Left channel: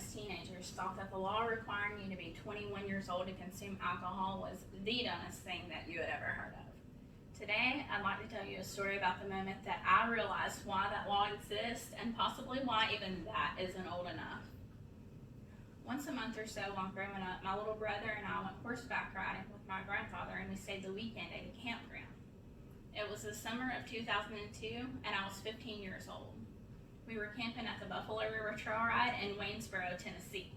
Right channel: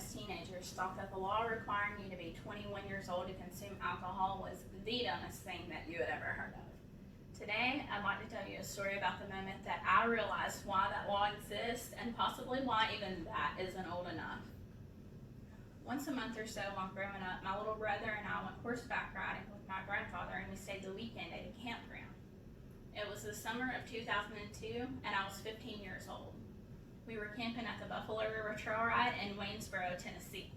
as teenagers thought that the law requiring you to be 21 years old to consume alcohol was the dumbest thing that you had ever heard of. Today, I'd like to tell you a story about the moment that I realized why that law exists and possibly why even that isn't old enough. Once a month or so while growing up, my little brother and I went horseback riding with my grandfather, and we stayed the weekend at a campground. It was the summer of 2002 and I was 15 years old. We were camping at the Buffalo River Trail Ride in Waynesboro, Tennessee.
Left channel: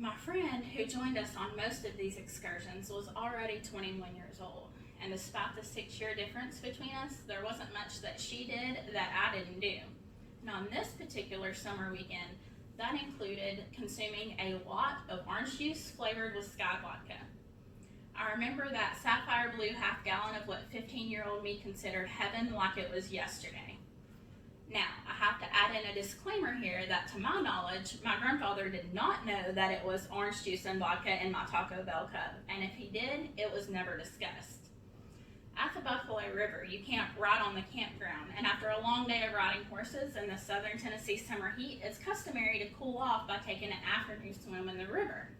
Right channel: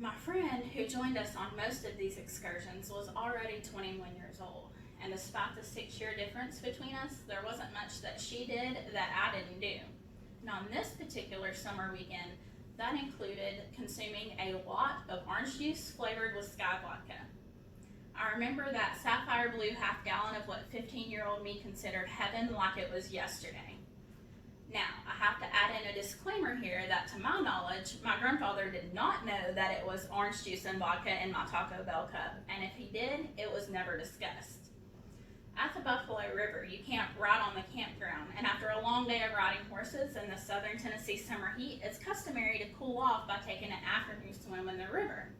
My friend who joined us on most of these excursions was already 21 years old, and despite the 6-year difference between us, there wasn't much that she did that I didn't do. And on this particular summer weekend, that included consuming a lot of orange juice flavored with Sky Vodka. I remember that sapphire blue half gallon of what 15-year-old me considered heaven like it was yesterday. Now, I have to add in a disclaimer here that to my knowledge, my grandfather did not know that it was orange juice and vodka in my Taco Bell cup, and if he did, it was never discussed. At the Buffalo River, you camp right on the campground, and after a long day of riding horses in the southern Tennessee summer heat, it's customary to cool off by taking an afternoon swim in the river.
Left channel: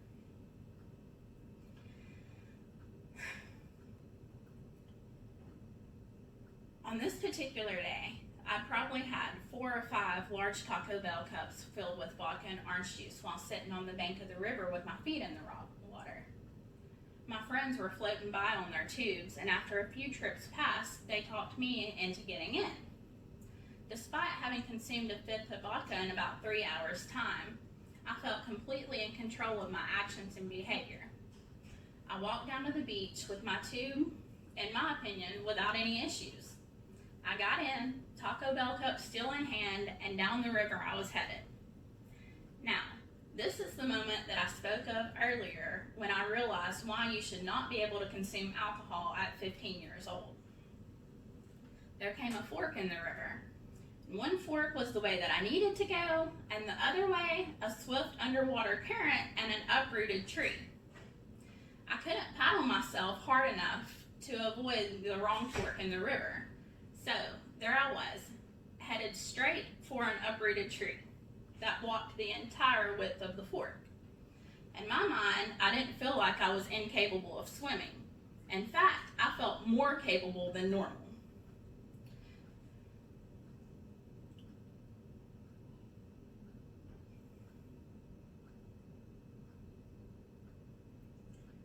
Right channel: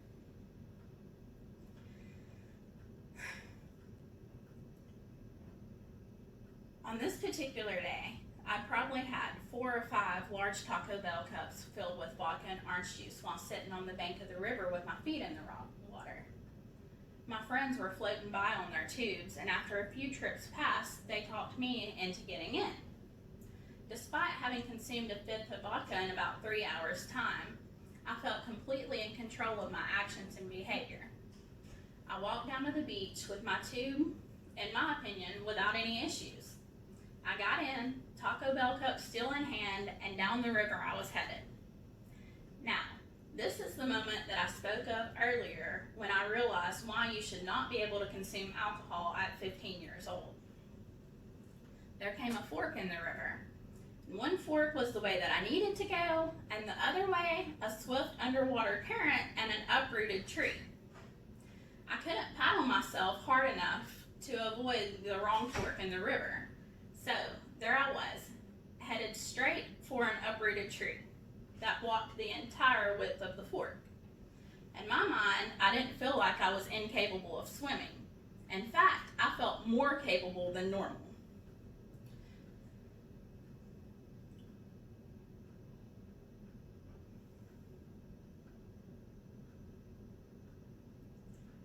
On this particular day, I probably had 4 or 5 large Taco Bell cups filled with vodka and orange juice while sitting on the bank of the river with my feet in the raw water. My friends were floating by on their tubes, and after a few trips past, they talked me into getting in. Despite having consumed a fifth of vodka in about 3 hours' time, I felt completely in control of my actions and behavior. I walked down to the beach with my tube, in my opinion, without any issues. I got in, Taco Bell cup still in hand, and down the river I was headed. Now, this is the moment that I spoke of earlier when I realized why you should not be able to consume alcohol at 15 years old. There came a fork in the river. One fork was the way that I needed to go, and the other way, a swift underwater current and an uprooted tree. I couldn't paddle myself hard enough to avoid the wrong fork in the river. So there I was, headed straight for an uprooted tree that blocked the entire width of the fork. In my mind, I didn't feel like I was incapable of swimming. In fact, I felt more capable than normal.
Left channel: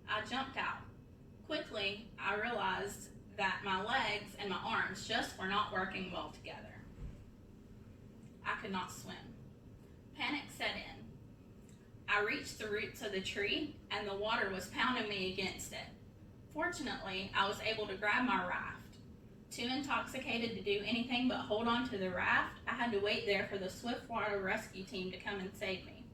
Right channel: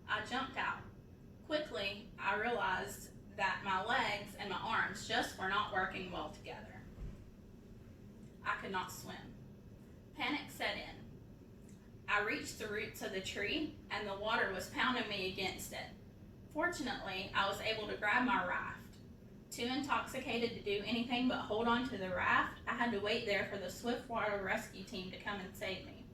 I jumped out. Quickly, I realized that my legs and my arms just were not working well together. I could not swim. Panic set in. I reached the roots of the tree and the water was pounding me against it. Fortunately, I was able to grab my raft. Too intoxicated to do anything but hold on to the raft, I had to wait there for the Swiftwater rescue team to come and save me.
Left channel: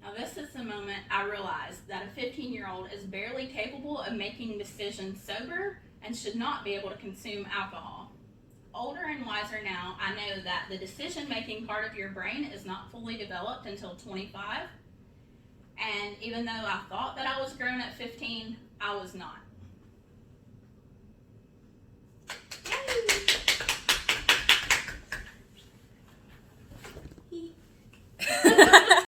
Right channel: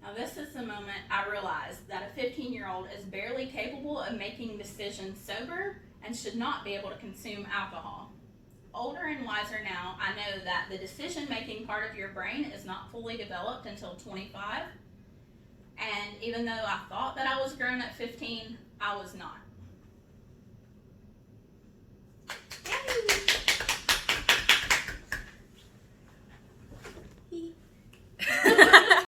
Now this is the moment I realized that a 15-year-old is barely capable of making decisions sober and should not be able to consume alcohol. Older and wiser now, I know that the decision-making part of your brain is not fully developed until 25, and even though I thought that I was grown at 15, I was not.